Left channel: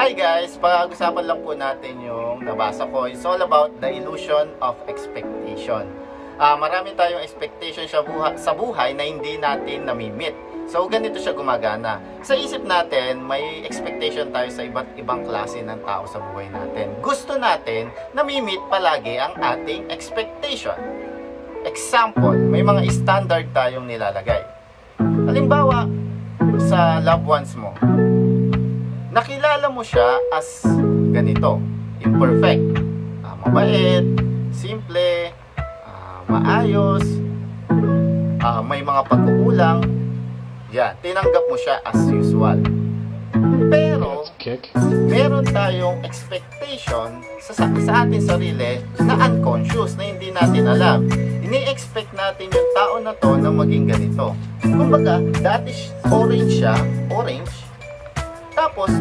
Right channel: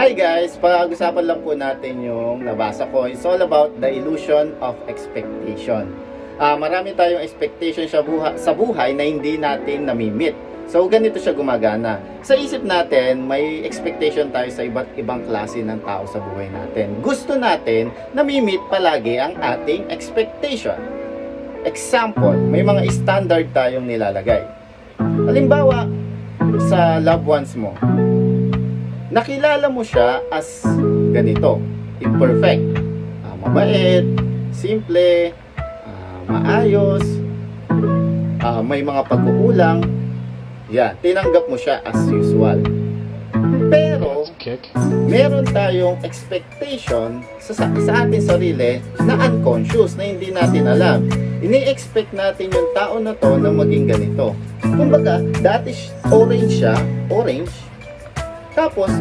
Hi guys! Pag-usapan lang po natin yung nabasa ko. It's all about the illusion of expectation. Marami tayong expectation sa buhay na hindi natin namimit. So ganito siya gumagana. Sa isip natin, may expectation tayo sa iba't ibang klase ng tao sa buhay natin. Gusto natin namimit palagi ang ating expectation. Example, may mga standard tayong nilalagay. Halimbawa, sa loved ones mo, nakilala mo siya as ganito, imperfect, mabait, simple, maayos, may mga pagkukulang. Yan, tinanggap mo siya as usual. Pero meron tayong expectation sa ating sarili na unconscious, na hindi natin alam. Ini-expect natin yung tao na to na maging ganito. Kumbaga, dati orange siya, tapos